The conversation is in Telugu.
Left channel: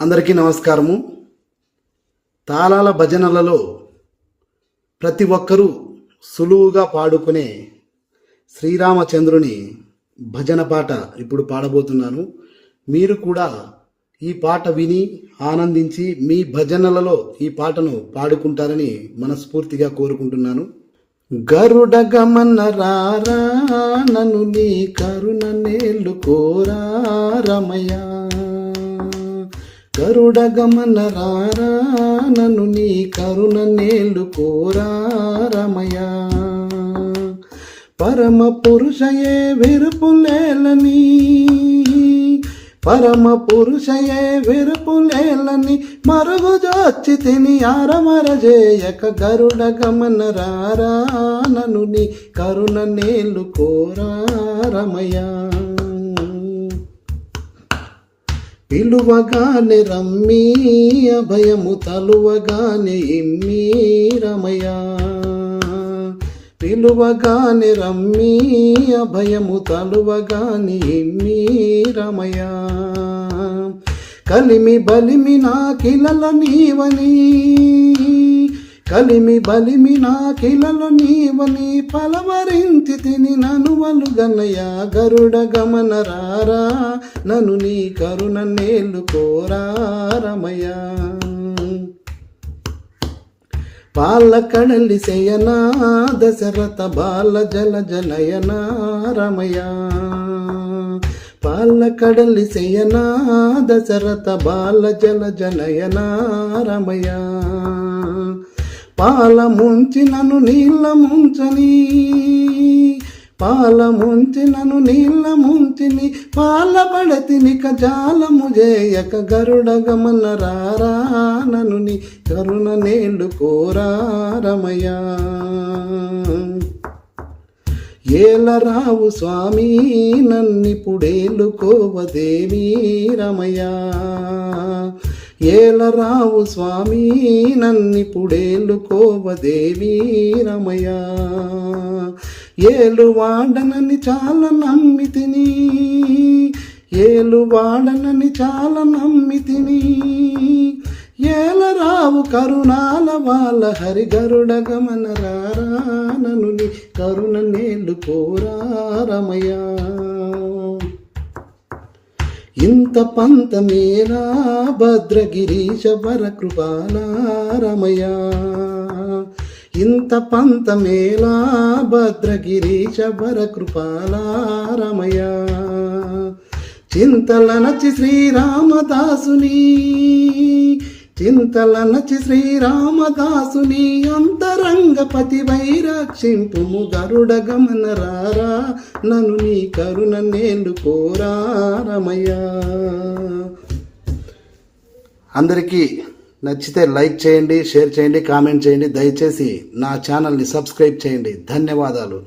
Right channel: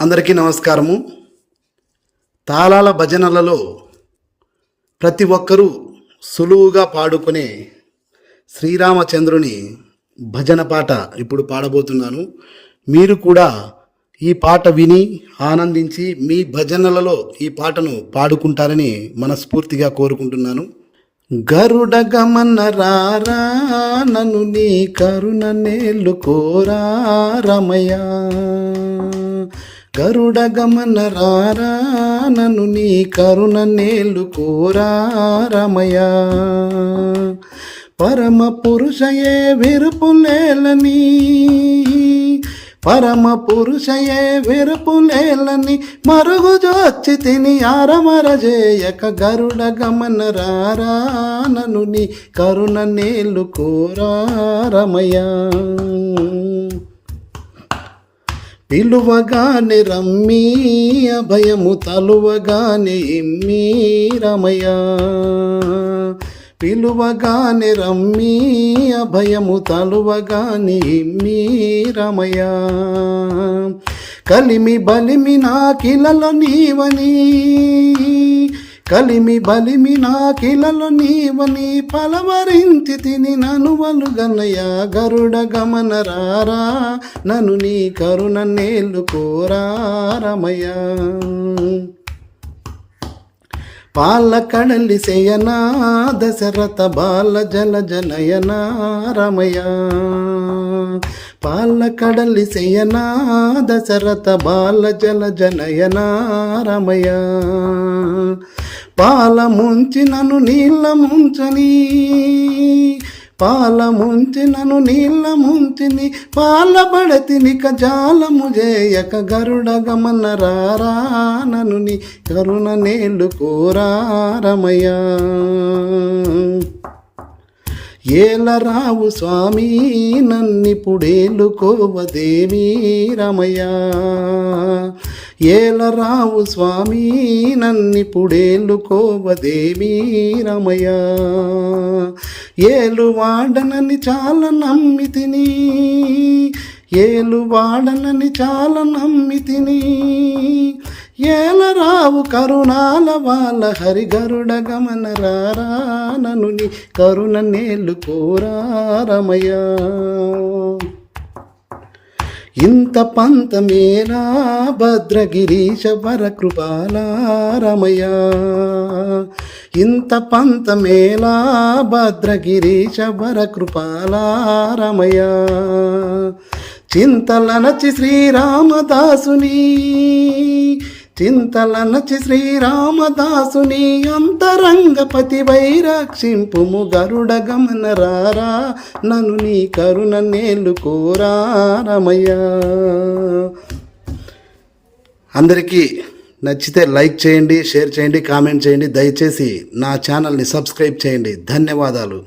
అందరికీ నమస్కారము. తాళాల భజనలలో ప్రతి ఒక్కరూ సులువుగా పాడుకునే శ్రీరామచంద్రుని భజన పాట ఇప్పుడు పాడబోతున్నాను. మీరు కూడా ఈ పాట విని ఆనందించి మీ భజనలలో ఈ పాటను పాడుకుంటారని మనస్ఫూర్తిగా కోరుకుంటున్నాను. గరుడ గమన రారా నన్ను నీ కరుణ నేలు కోరా రమయ, గరుడ గమన రారా నన్ను నీ కరుణ నేలు కోరా రమయ, పరమ పురుషయే విరుపులేలని, పరమ పురుషయే విరుపులేలని మరుగు జోచి తిని ఆరమరజేయక, గరుడ గమన రారా నన్ను నీ కరుణ నేలు కోరా రమయ, పిలువగానే రమ్మీ అభయము తలువగానే ఇమ్మీ రమయ, పిలువగానే రమ్మీ అభయము తలువగానే ఇమ్మీ రమయ, కలిమి బలిమి నాకిలలో నీవని, కలిమి బలిమి నాకిలలో నీవని పలవరించి తిని ననువలు గన్నయ, గరుడ గమన రారా నన్ను నీ కరుణ నేలు కోరా రమయ, పాల కడలి శయనా దశరథ బాల జల జనయన రమయ, పాల కడలి శయనా దశరథ బాల జల జనయన రమయ, పాల ముంచి నన్ను నీళ్ళ ముంచని, పాల ముంచి నన్ను నీళ్ళ ముంచిని పాల పడతిని కజాలము చేయక, గరుడ గమన రారా నన్ను నీ కరుణ నేలు కోరా రమయ, ఏల రావు స్వామి నన్నిపుడేలు కోవదేవి రమయ, ఏల రావు స్వామి నన్నిపుడేలు కోవదేవి రమయ, ఏలు వాడనని చాలా నమ్మితిని, ఏలు వాడనని చాలా నమ్మితిని, ఏల రావు కరుణాల వాళ్ళ హరి, గరుడ గమన రారా నన్ను నీ కరుణ నేలు కోరా రమయ, ఇంత పంత మేరా భద్రగిరీశ వర కృపాల రమయ, ఇంత పంత మేలా భద్రగిరీశ వర కృపాల రమయ, చింతలనచి శ్రీరామదాసుని, చింతలనచి శ్రీరామదాసుని అంతరంగపతి వైరక్షింపుము, గరుడ గమన రారా నన్ను నీ కరుణ నేలు కోరా రమయ. అందరికీ నచ్చితే లైక్ చేయండి, షేర్ చేయండి, కామెంట్ చేయండి. దయచేసి నా ఛానల్ని సబ్స్క్రైబ్ చేయండి. ధన్యవాదాలు.